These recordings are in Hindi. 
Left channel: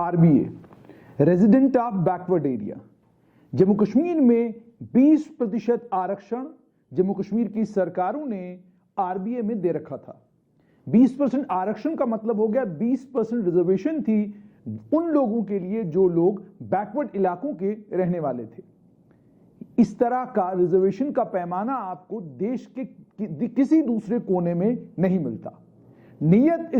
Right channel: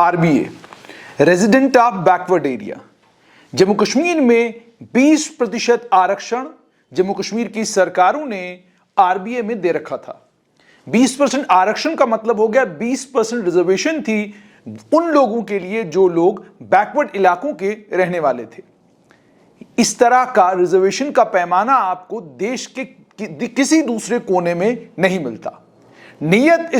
RBA, resident of backward area. Jammu Kashmir में 20% आरक्षण जम्मू कश्मीर की सरकारों ने आरबीए में दे रखा था। 20% आरक्षण का मतलब हो गया 20% रिजर्वेशन थी उन लोगों के लिए जो लोग बैकवर्ड इलाकों के रहने वाले थे। इस तरह का रिजर्वेशन का पैमाना आपको देश के किसी दूसरे कोने में नहीं मिलता। नीयत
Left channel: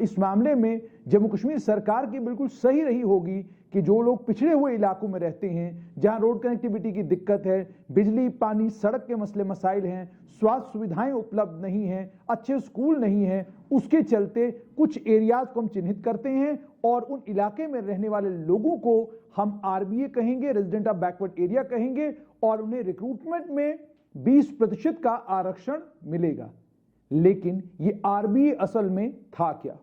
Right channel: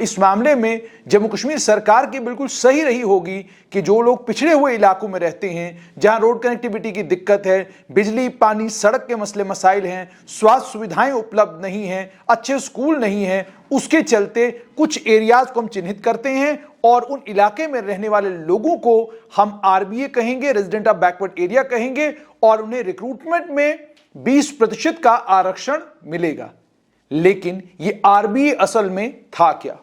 इस मामले में जम्मू कश्मीर सरकार की बिल्कुल सही रही होगी कि जो लोग पिछड़े हुए इलाकों में रहते हैं, जहां रोड कनेक्टिविटी की दिक्कत है, बिजली, पानी, सड़क के मसले मसाइल हैं, स्वास्थ्य सुविधाएं उपलब्ध नहीं हैं, अच्छे स्कूल नहीं हैं, उसके चलते कुछ एरियाज को हम चिन्हित करते हैं और उन इलाके में रहने वाले लोगों को हम आरबीए कहेंगे, रेजिडेंट ऑफ बैकवर्ड एरिया कहेंगे, और उन्हें रिक्रूटमेंट में 20% का आरक्षण मिलेगा। लेकिन ये आरबीए असल में था क्या?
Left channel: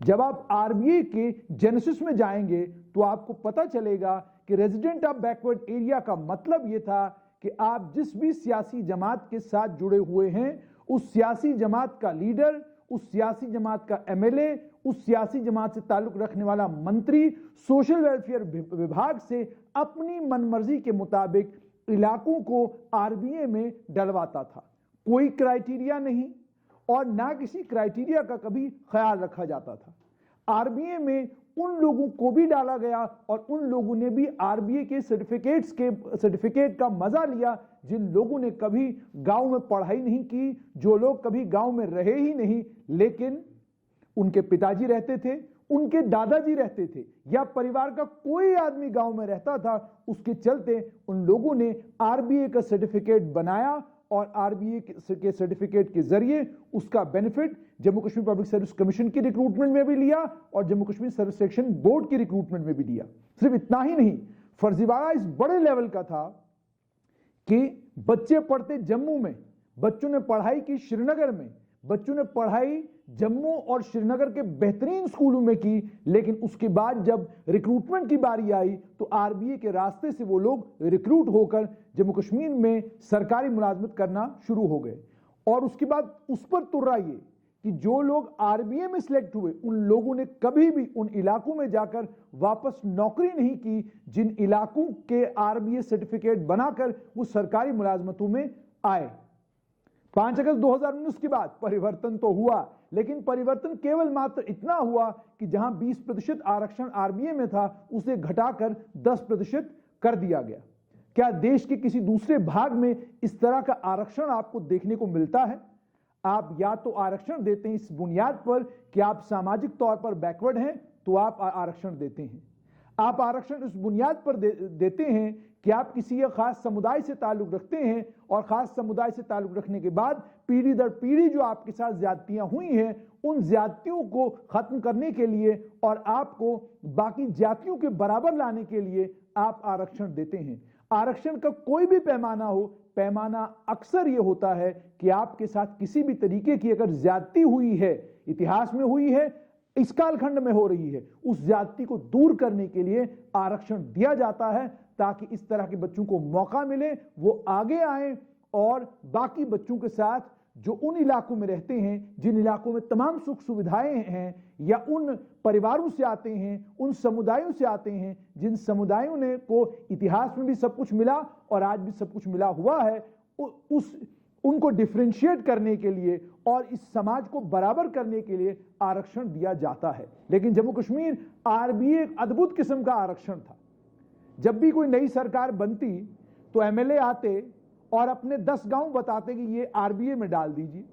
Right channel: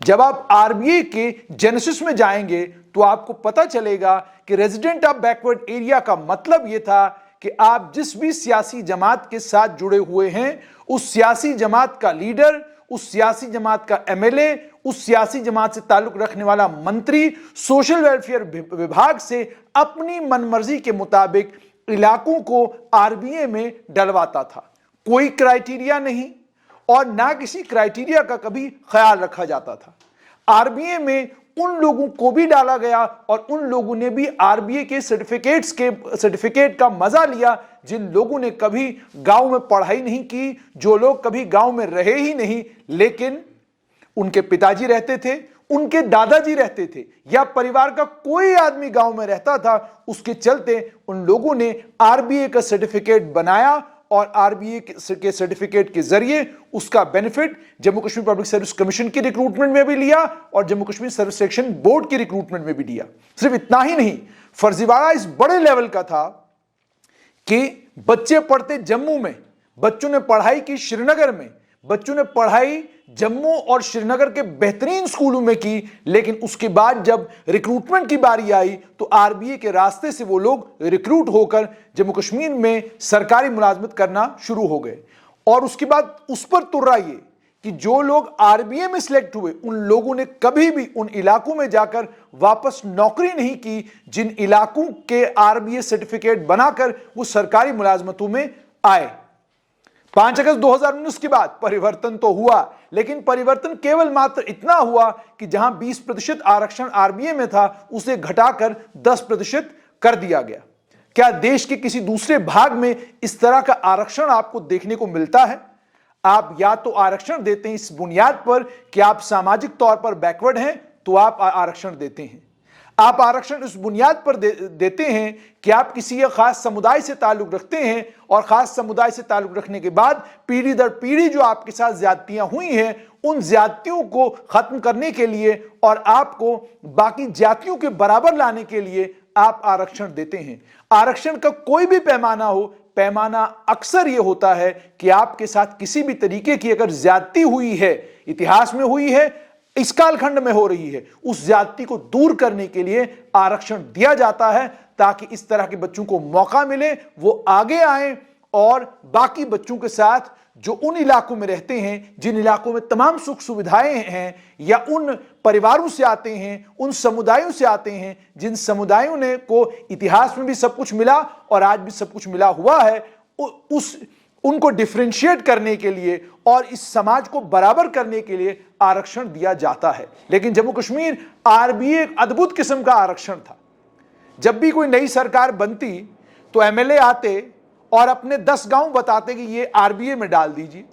जब आप आरबीए के जेनेसिस में जाएंगे तो आपको पता चलेगा कि रेजिडेंट ऑफ बैकवर्ड एरिया का मतलब यह था कि आप जिस भी सियासी जमात के साथ जुड़े हुए हैं, उस सियासी जमात का लीडर, उस सियासी जमात का एमएलए, उस सियासी जमात से ताल्लुक रखने वाला मंत्री सोशल वेलफेयर विभाग से अपनी मनमर्जी के मुताबिक इलाकों को आरबीए में डलवाता था। कोई क्राइटेरिया नहीं और ना किसी क्राइटेरिया का कभी ख्याल रखा जाता था। आरबीए में उन लोगों को भी डाला गया और उन लोगों ने भी आरबीए के सर्टिफिकेट का मजा लिया जिन लोगों ने कभी गांव में पढ़ाई नहीं की, जो लोग कभी गांव में रहे ही नहीं, लेकिन उनके पिताजी रहते थे, उनके दादाजी रहते थे, या परिवार का कोई आदमी गांव में रहता था। उसके चलते उन लोगों ने आरबीए का सर्टिफिकेट बनाया और आरबीए के सर्टिफिकेट के जरिए उसका benefit Jammu Kashmir public service commission की रिक्रूटमेंट में भी लिया और Jammu Kashmir service selection board की रिक्रूटमेंट में भी लिया। सिर्फ इतना ही नहीं, फर्जीवाड़ा इस बड़े लेवल का था कि बच्चे पढ़ते जम्मू में, बच्चों ने पढ़ाई की श्रीनगर में, बच्चों ने पढ़ाई जम्मू और श्रीनगर के बेहतरीन स्कूलों में की, लेकिन उसके बाद जब रिक्रूटमेंट की बारी आई तो आरबीए के रास्ते से वो लोग रिक्रूट होकर जम्मू कश्मीर में सरकारी मुलाजमत करना शुरू हो गए। और उसके बाद उस पर तुर्रा ये कि जो लोग आरबीए में सिलेक्ट हुए उन लोगों ने कभी भी उन इलाकों में जाकर वापस नौकरी नहीं की जिन इलाकों के आरबीए सर्टिफिकेट बनाकर वो सरकारी मुलाजमतों में आए। 5 अगस्त 2019 के बाद परिवर्तन तो हुआ, लेकिन परिवर्तन केवल मात्र इतना हुआ कि जहां 20% आरक्षण आरबीए में था उसे घटाकर 10% कर दिया गया। क्या देश के किसी दूसरे भाग में इस तरह का आरक्षण आपको देखने को मिलता है? आप या तो आरक्षण देते हैं इस बुनियाद पर कि आप सामाजिक तौर पर बैकवर्ड हैं तो आप आरक्षण देते हैं, आप आरक्षण इस बुनियाद पर देते हैं कि आप किसी एक खास समुदाय से ताल्लुक रखते हैं और खास समुदाय से ताल्लुक रखने के बाद पीढ़ी दर पीढ़ी जो आपके साथ ज्यादतियां हुई हैं उन ज्यादतियों को खत्म करने के लिए और आपको बाकी जातियों के बराबर लाने के लिए आप आरक्षण देते हैं। आरक्षण का कोई भी पैमाना हो, पैमाना अक्सर यह होता है कि आपके साथ किसी भी तरीके की अगर ज्यादती हुई है, इतिहास में हुई है, इस कालखंड में हो रही है, उस ज्यादती को दूर करने के लिए आरक्षण दिया जाता है ताकि इस तरह के बच्चों को मौका मिले, वो आगे आए और बाकी बच्चों के साथ जो उन इलाकों में रहते हैं, जिन इलाकों में तमाम सुख सुविधाएं हैं, या उन परिवारों से आते हैं, उन समुदायों से आते हैं जिन समुदायों ने को इतिहास में भी सब कुछ मिला और आज भी सब कुछ मिला हुआ है, उनको डिफरेंशिएट करने के लिए और इस समाज को बराबर करने के लिए आरक्षण दिया जाता है। लेकिन जम्मू कश्मीर आरबीए एक अद्भुत किस्म का आरक्षण था। जब भी कोई नई सरकार बनती तो एमएलए आते और अपने 10 गांव बताते कि ये आरबीए में डाल दीजिए,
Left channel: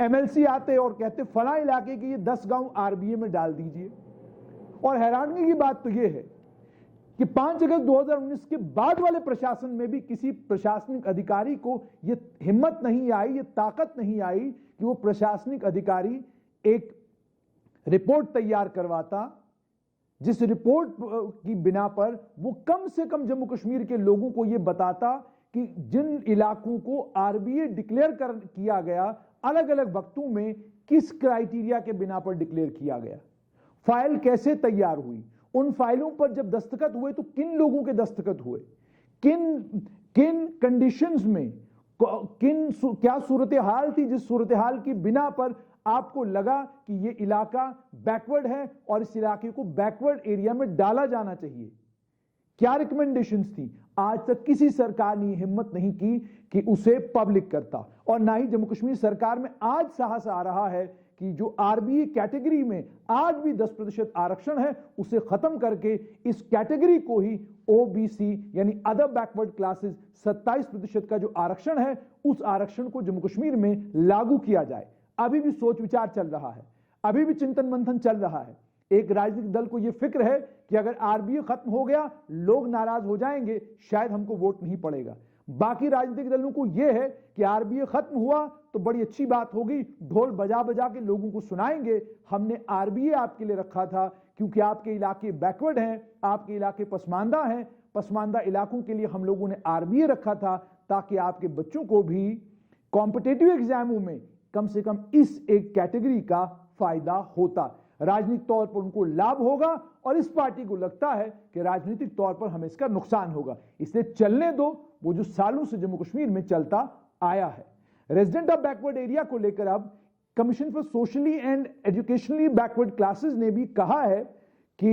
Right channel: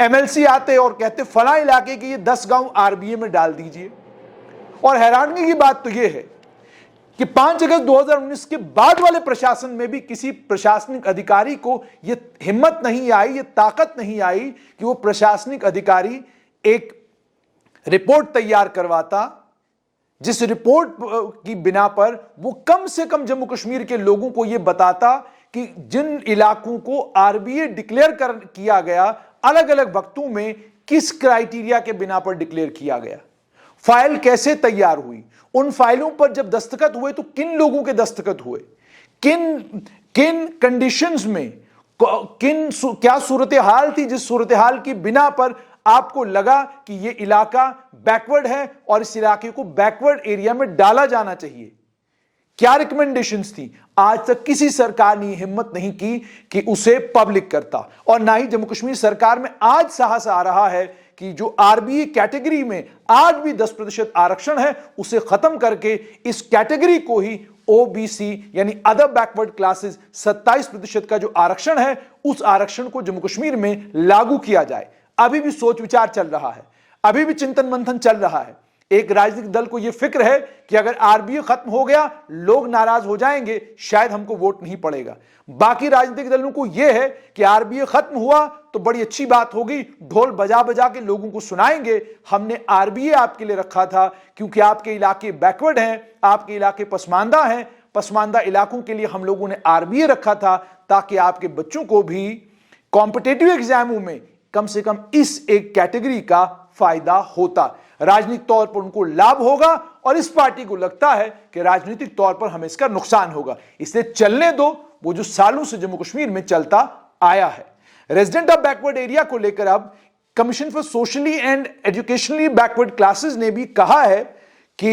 एमएलसी आते और कहते फला इलाके के ये 10 गांव आरबीए में डाल दीजिए। और हैरानगी की बात तो ये है कि 5 अगस्त 2019 के बाद वाले प्रशासन में भी किसी प्रशासनिक अधिकारी को यह हिम्मत नहीं आई, यह ताकत नहीं आई कि वो प्रशासनिक अधिकारी एक रिपोर्ट तैयार करवाता जिस रिपोर्ट की बिना पर वो कम से कम जम्मू कश्मीर के लोगों को यह बताता कि जिन इलाकों को आरबीए डिक्लेयर किया गया, अलग अलग वक्तों में किस क्राइटेरिया के बिना पर डिक्लेयर किया गया, फाइल कैसे तैयार हुई, उन फाइलों पर जब दस्तखत हुए तो किन लोगों के दस्तखत हुए, किन कंडीशंस में, क्या सूरत हाल थी जिस सूरत हाल की बिना पर आपको लगा कि यह इलाका बैकवर्ड है और इस इलाके को बैकवर्ड एरिया में डाला जाना चाहिए, क्या रिकमेंडेशंस थी? आज तक किसी सरकार ने हिम्मत नहीं की कि उसे पब्लिक करता, और ना ही जम्मू कश्मीर सरकार में आज साहस आ रहा है कि जो आरबीए कैटेगरी में आज भी 10% आरक्षण है उसे खत्म करके इस कैटेगरी को ही ओबीसी यानी अदर बैकवर्ड क्लासेस 27% का जो आरक्षण है उस आरक्षण को जम्मू कश्मीर में लागू किया जाए। अभी भी सोच विचार चल रहा है, अभी भी चिंतन मंथन चल रहा है। एक राजनीतिक दल को यह फिक्र है कि अगर आरबीए खत्म हो गया लोग नाराज हो जाएंगे, शायद हमको वोट नहीं पड़ेगा। बाकी राजनीतिक दलों को यह है कि आरबीए खत्म हुआ तो बड़ी अच्छी बात होगी, ढोल बजा बजा के लोगों को सुनाएंगे हमने आरबीए आपके लिए रखा था क्योंकि आपके इलाके बैकवर्ड हैं, आपके इलाके पसमानदा हैं, पसमानदा इलाकों के लिए हम लोगों ने आरबीए रखा था ताकि आपके बच्चों को भी कॉम्पिटिटिव एग्जामों में कम से कम इस एक कैटेगरी का फायदा होता, राजनीतिक तौर पर उनको लाभ होगा और इस पार्टी को लगता है कि राजनीतिक तौर पर हमें इसका नुकसान होगा, इसलिए चलने दो वो जो सालों से जम्मू कश्मीर में चलता आया है। रेजिडेंट ऑफ बैकवर्ड एरिया को लेकर अब commission for socially and educationally backward classes ने भी कहा है कि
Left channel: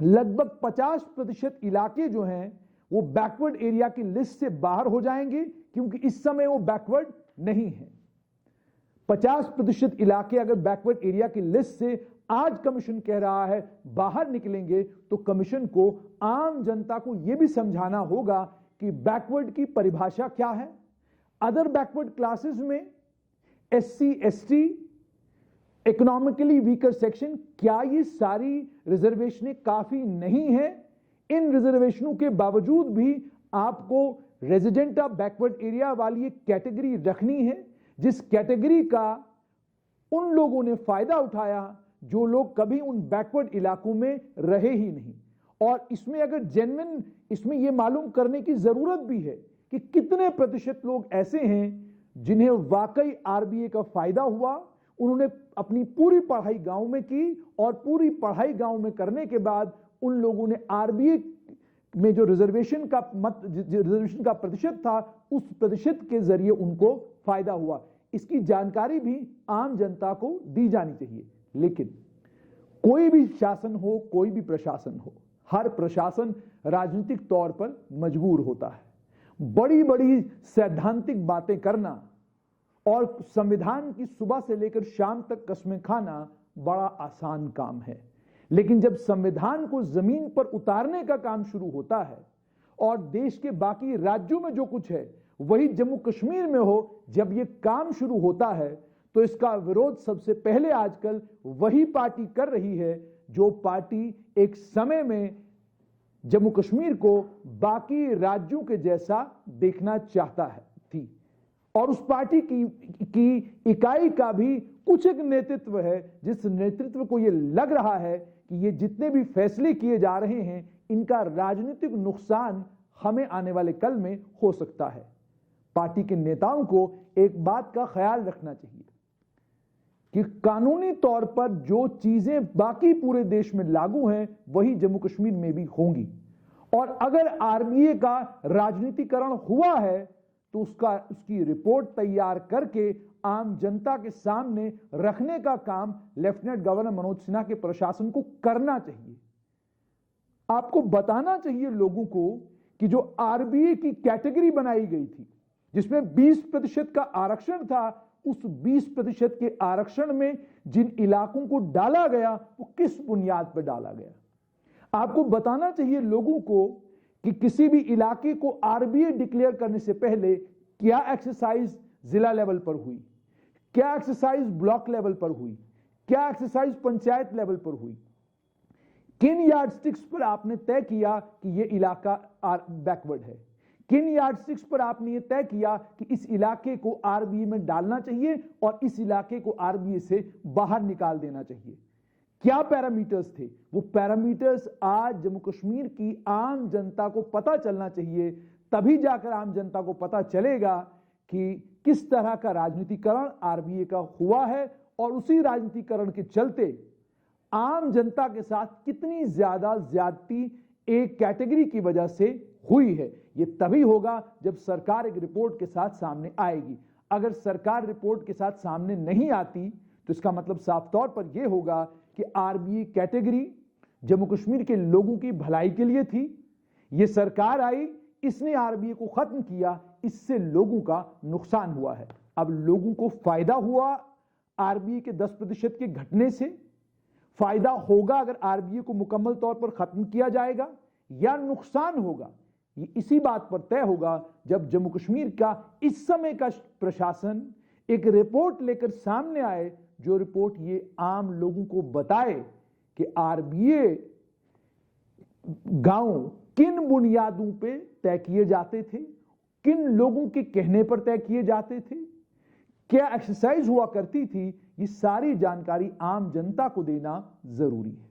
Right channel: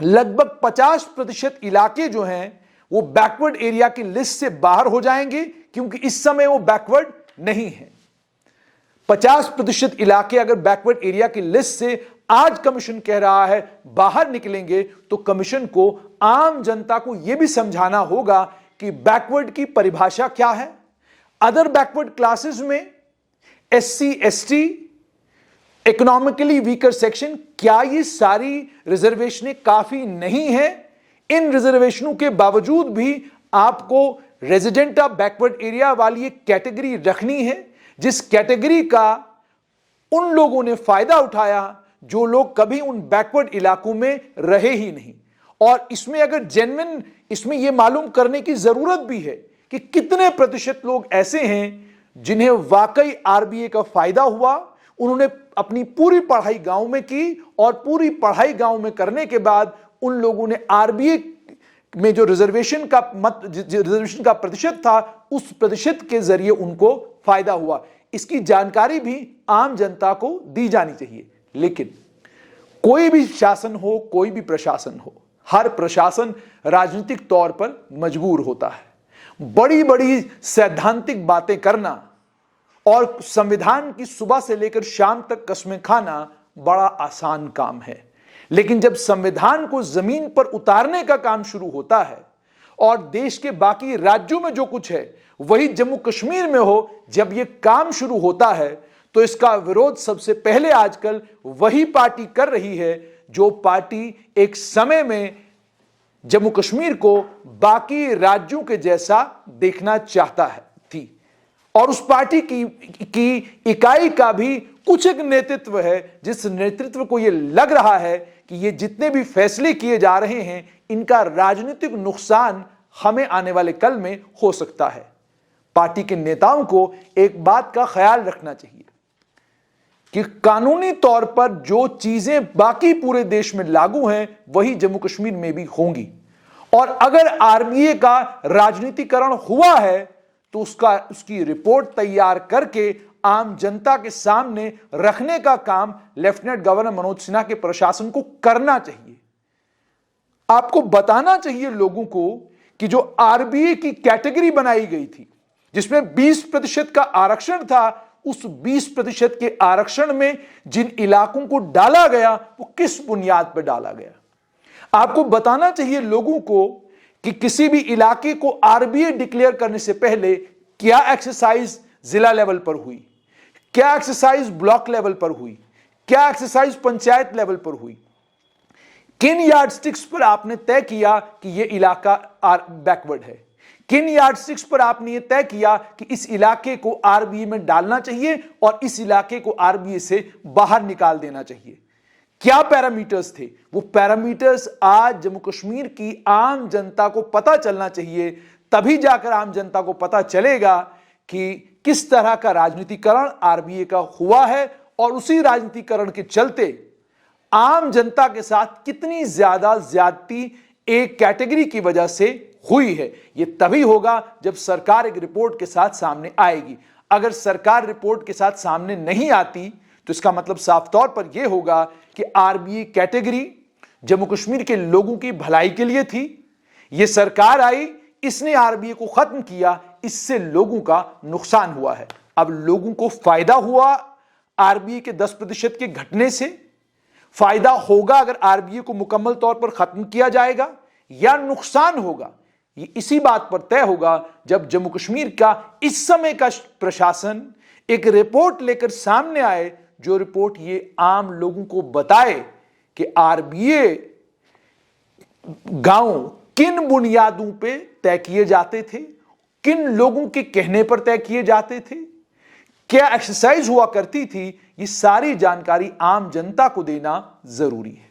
लगभग 50% इलाके जो हैं वो बैकवर्ड एरिया की लिस्ट से बाहर हो जाएंगे क्योंकि इस समय वो बैकवर्ड नहीं है। 50% इलाके अगर बैकवर्ड एरिया की लिस्ट से आज कमीशन कह रहा है बाहर निकलेंगे तो कमीशन को आम जनता को यह भी समझाना होगा कि बैकवर्ड की परिभाषा क्या है। अदर बैकवर्ड क्लासेस में SC, ST, economically weaker section, क्या ये सारी रिजर्वेशनें काफी नहीं है? इन रिजर्वेशनों के बावजूद भी आपको रेजिडेंट ऑफ बैकवर्ड एरिया वाली एक कैटेगरी रखनी है जिस कैटेगरी का उन लोगों ने फायदा उठाया जो लोग कभी उन बैकवर्ड इलाकों में रहे ही नहीं। और इसमें अगर जेन्युइन इसमें यह मालूम करने की जरूरत भी है कि कितने प्रतिशत लोग ऐसे हैं जिन्हें वाकई आरबीए का फायदा हुआ, उन्होंने अपनी पूरी पढ़ाई गांव में की और पूरी पढ़ाई गांव में करने के बाद उन लोगों ने आरबीए में जो रिजर्वेशन का प्रतिशत था उस प्रतिशत के जरिए उनको फायदा हुआ। इसकी जानकारी भी आम जनता को दी जानी चाहिए। लेकिन कोई भी शासन हो, कोई भी प्रशासन हो, हर प्रशासन राजनीतिक तौर पर मजबूर होता है। बड़ी बड़ी सैद्धांतिक बातें करना और संविधान की सुबह से लेकर शाम तक कस्में खाना बड़ा आसान काम है, लेकिन जब संविधान को जमीन पर उतारने का काम शुरू होता है और देश के बाकी राज्यों में जो कुछ है वही जम्मू कश्मीर में हो, जब यह काम शुरू होता है तो इसका विरोध सबसे पहले आजकल वही पार्टी कर रही है जो पार्टी एक समय में जम्मू कश्मीर को बाकी राज्यों के जैसा देखना चाहता है थी। और उस पार्टी की इकाई का भी कुछ एक नेतृत्व है जिस नेतृत्व को यह लग रहा है कि ये जितने भी फैसले किए जा रहे हैं इनका राजनीतिक नुकसान हमें आने वाले कल में हो सकता है। पार्टी के नेताओं को एक बात का ख्याल रखना चाहिए कि कानूनी तौर पर जो चीजें बाकी पूरे देश में लागू हैं वही जम्मू कश्मीर में भी होंगी, और अगर आरबीए का राजनीतिकरण हुआ है तो उसकी रिपोर्ट तैयार करके आम जनता के सामने रखने का काम लेफ्टिनेंट गवर्नर मनोज सिन्हा के प्रशासन को करना चाहिए। आपको बताना चाहिए लोगों को कि जो आरबीए की कैटेगरी बनाई गई थी जिसमें 20% का आरक्षण था, उस 20% के आरक्षण में जिन इलाकों को डाला गया वो किस बुनियाद पर डाला गया। आपको बताना चाहिए लोगों को कि किसी भी इलाके को आरबीए डिक्लेयर करने से पहले क्या एक्सरसाइज जिला लेवल पर हुई, क्या एक्सरसाइज ब्लॉक लेवल पर हुई, क्या एक्सरसाइज पंचायत लेवल पर हुई, किन यार्डस्टिक्स पर आपने तय किया कि यह इलाका बैकवर्ड है, किन यार्डस्टिक्स पर आपने यह तय किया कि इस इलाके को आरबीए में डालना चाहिए और इस इलाके को आरबीए से बाहर निकाल देना चाहिए। क्या पैरामीटर्स थे? वो पैरामीटर्स आज जम्मू कश्मीर की आम जनता को पता चलना चाहिए, तभी जाकर आम जनता को पता चलेगा कि किस तरह का राजनीतिकरण आरबीए का हुआ है और उसी राजनीतिकरण के चलते आम जनता के साथ कितनी ज्यादा ज्यादती एक कैटेगरी की वजह से हुई है। यह तभी होगा जब सरकार एक रिपोर्ट के साथ सामने आएगी। अगर सरकार रिपोर्ट के साथ सामने नहीं आती तो इसका मतलब साफ तौर पर यह होगा कि आरबीए कैटेगरी जम्मू कश्मीर के लोगों की भलाई के लिए थी। यह सरकार आई, इसने आरबीए को खत्म किया, इससे लोगों का नुकसान हुआ है। अब लोगों को फायदा हुआ आरबीए के 10% के घटने से, फायदा होगा अगर आरबीए को मुकम्मल तौर पर खत्म किया जाएगा, या नुकसान होगा, ये इसी बात पर तय होगा जब जम्मू कश्मीर का इस समय का प्रशासन एक रिपोर्ट लेकर सामने आए, जो रिपोर्ट ये आम लोगों को बताए कि आरबीए गांव किन बुनियादों पे तय किए जाते थे, किन लोगों के कहने पर तय किए जाते थे, क्या एक्सरसाइज हुआ करती थी। ये सारी जानकारी आम जनता को देना जरूरी है।